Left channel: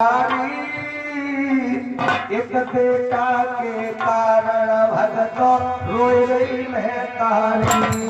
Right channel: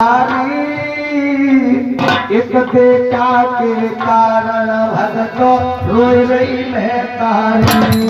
एक बेटा के कारण भगत रोई रही महतारी।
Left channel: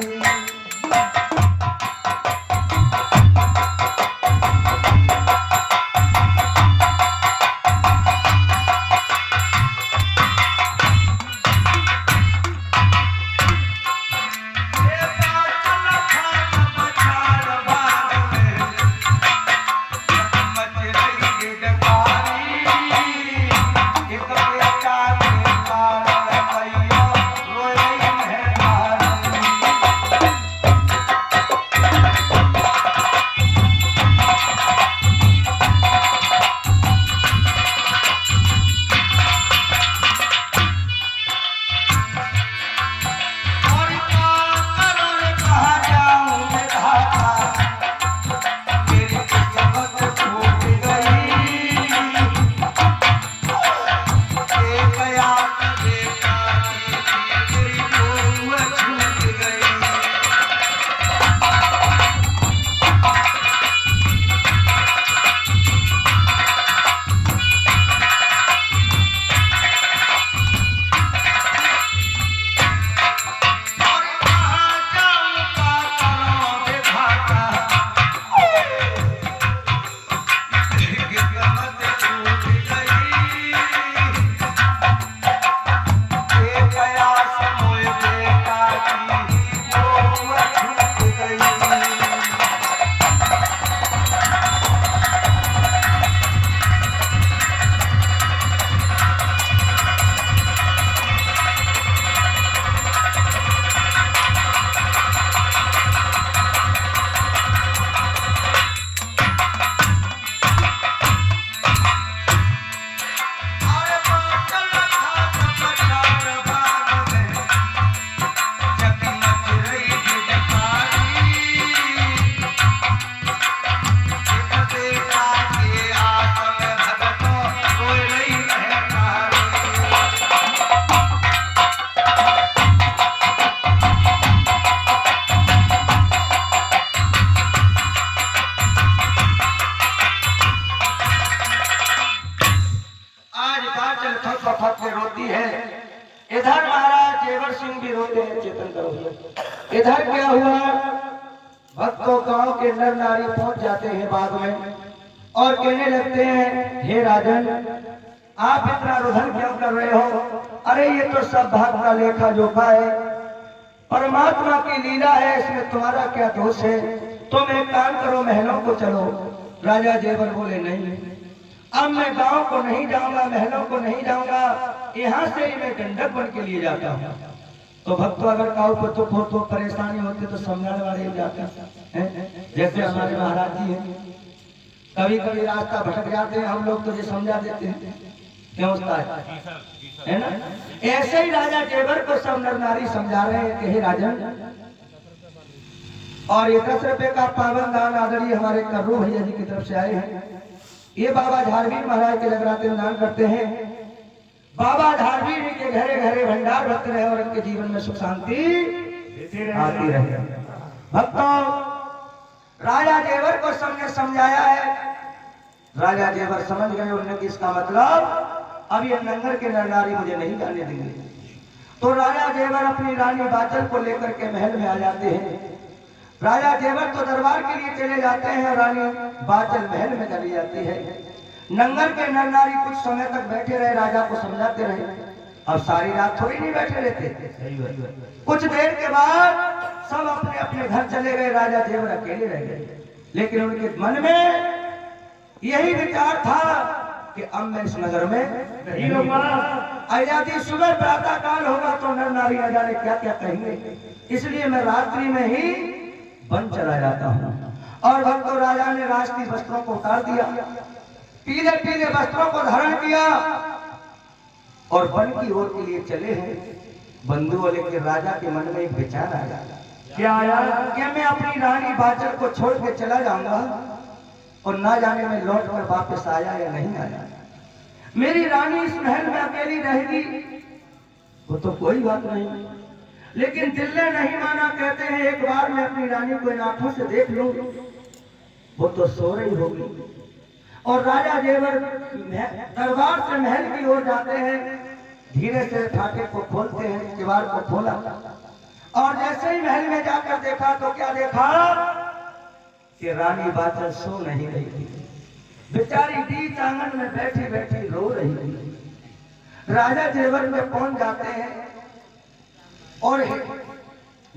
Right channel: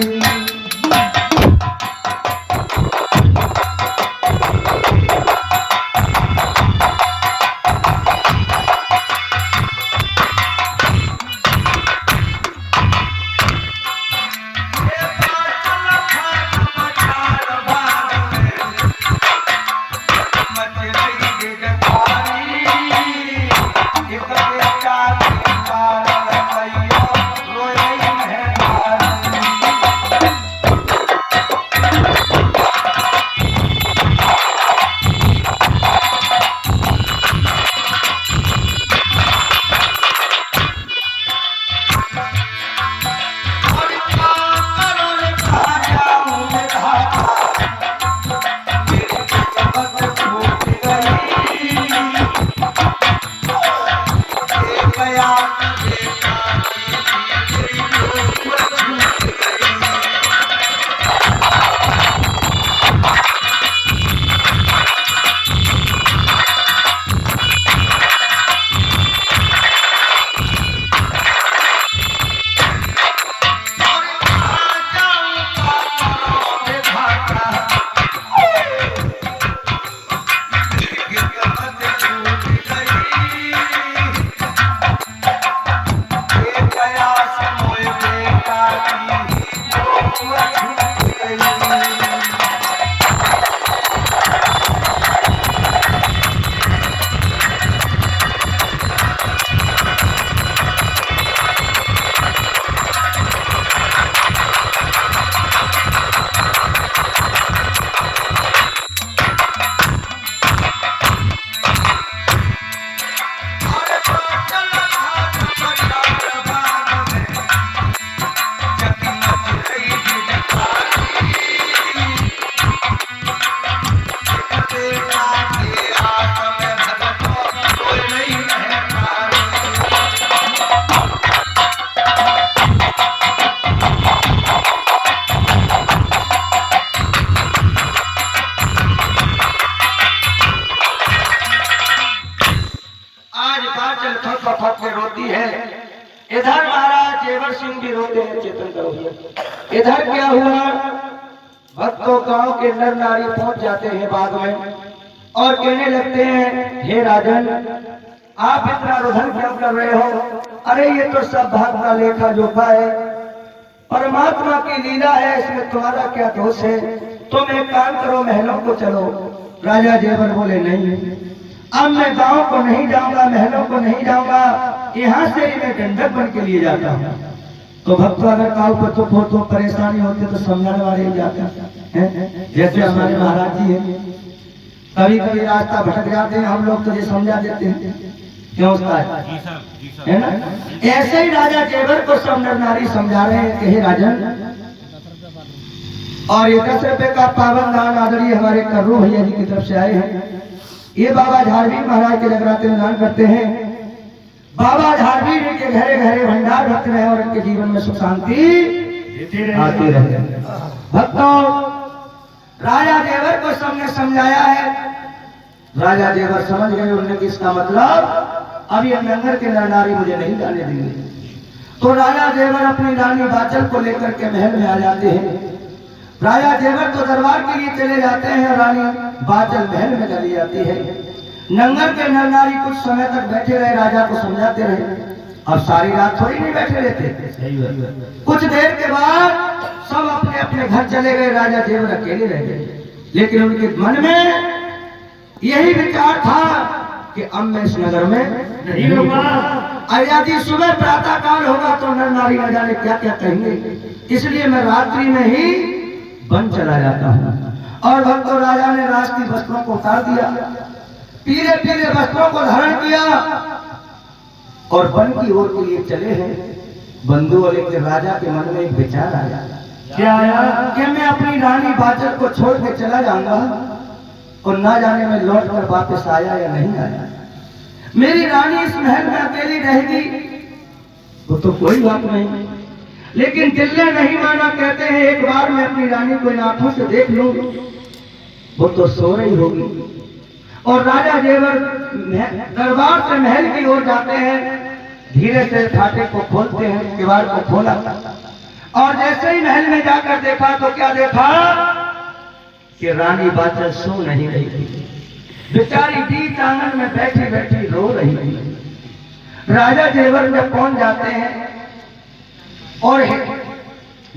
रोती है। इधर महाराज जेवर सिंह भी रोते हैं, चेतन करो भैया। इधर क्या हुआ, भक्तों गांव के नर नारी पहुंच जाते हैं बाद में और कहने लगते हैं, हे राजन आप इतना रुदन क्यों कर रहे हो? अरे ये तो सब भाग का लेखा जोखा है, परमात्मा की लीला है, इसमें तुम्हारा क्या दोष है? तुम एक काम करो, महलों को चलो। राजा जेवर बोले, नहीं अब मैं गांव को नहीं जाऊंगा, महलों को नहीं जाऊंगा, यहाँ से ही मैं दंडक बन के लिए जाता हूँ। तो भक्त अगर काऊ पर तो परेशानी होती तो समझाने वाले ही जाते हैं। जैसे हमारे महाराज जी हैं, कभी कभी रास्ता भटक जाते हैं, हम लोग तुझे समझा देते हैं, क्यों है ना? ऐसे ही राजा जेवर को सब नर नारी समझा रहे हैं कि हे राजन, और ये 10 रुपए का पावन दान आदरणीय हमारे कर्रू भैया जी की तरफ से आए हैं। ये बाबा झारवी महाराज के जगराते में दान करते हैं। बाबा झारवी जी के घरे घरे भंडार भक्त रहे और इनके जीवन में सुख शांति आती रहे। भक्तों, राजा जेवर को सबने समझाया है, राजा जेवर समझ गए। उन्होंने कि इसका मतलब अब ये नंगर के नर नारी मुझे नहीं जाने देंगे। तो राजा जेवर अपनी रानी बाचल को लेकर के महल में आ जाते हैं। राजा जेवर तो दरबार के लिए चले जाते हैं, रानी बाचल महल में चली जाती है। नंगर के नर नारी कुछ समय तक बैठे रहे, राजा को समझाते रहे। अब सारी रात थोड़ी नहीं बैठे रहते। कुछ देर के बाद सब अपने अपने घर चले गए, राजा जेवर अकेले रह गए। लेकिन उनके मन में यही विचार था कि अब मैं इस नगर में नहीं रहूंगा। यदि सुबह प्रातः काल होगा तो नर नारी न जाने क्या क्या कहेंगे, इसलिए मैं रात्रि में ही वन चला जाता हूँ। और भक्तों, राजा ने राज की वस्त्रों को उतार दिया, पीले पीले वस्त्रों को धारण किया और वन की ओर के लिए चले हैं। बंधु वाले के राजा के मन में एक विचार आया, क्या आया? कि मैं अपनी रानी बाचल को छोड़ के चला जाऊंगा और ना जाने में लौट कर वापस आया या नहीं आया। मेरी रानी इस महल में अकेली रहेगी वो तो कोई बात नहीं, लेकिन दिल ने नहीं माना। कहते हैं एक बार मैं अपनी रानी को इन आंखों से देख लूं, वो तो सो रही होगी और राजा जेवर दरबार से महल की ओर जाते हैं। धीरे से फाटक को खोलते हैं, किवाड़ को खोला और जैसे ही महल में जाकर देखा तो क्या देखा कि रानी बाचल सो नहीं रही थी, बेचारी बीच आंगन में बैठी बैठी रो रही थी। राजा जेवर जब पहुंच जाते हैं और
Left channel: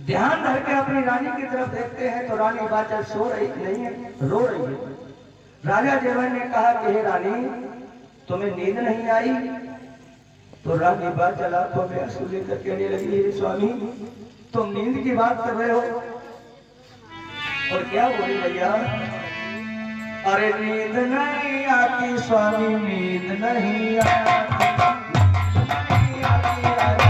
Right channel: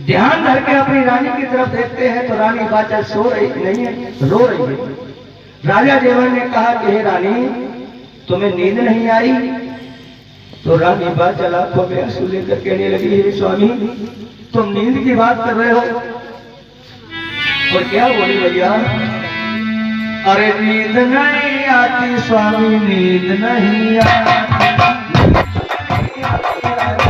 ध्यान धर के अपनी रानी की तरफ देखते हैं तो रानी बाचल सो रही नहीं है, रो रही है। राजा जेवर ने कहा कि हे रानी, तुम्हें नींद नहीं आई? तो रानी बाचल आंखों में आंसू लेकर कहने लगी, हे स्वामी, तुम नींद की बात कर रहे हो? और क्या बोली भैया? अरे नींद नहीं आती स्वामी, नींद नहीं आती, नींद नहीं आती।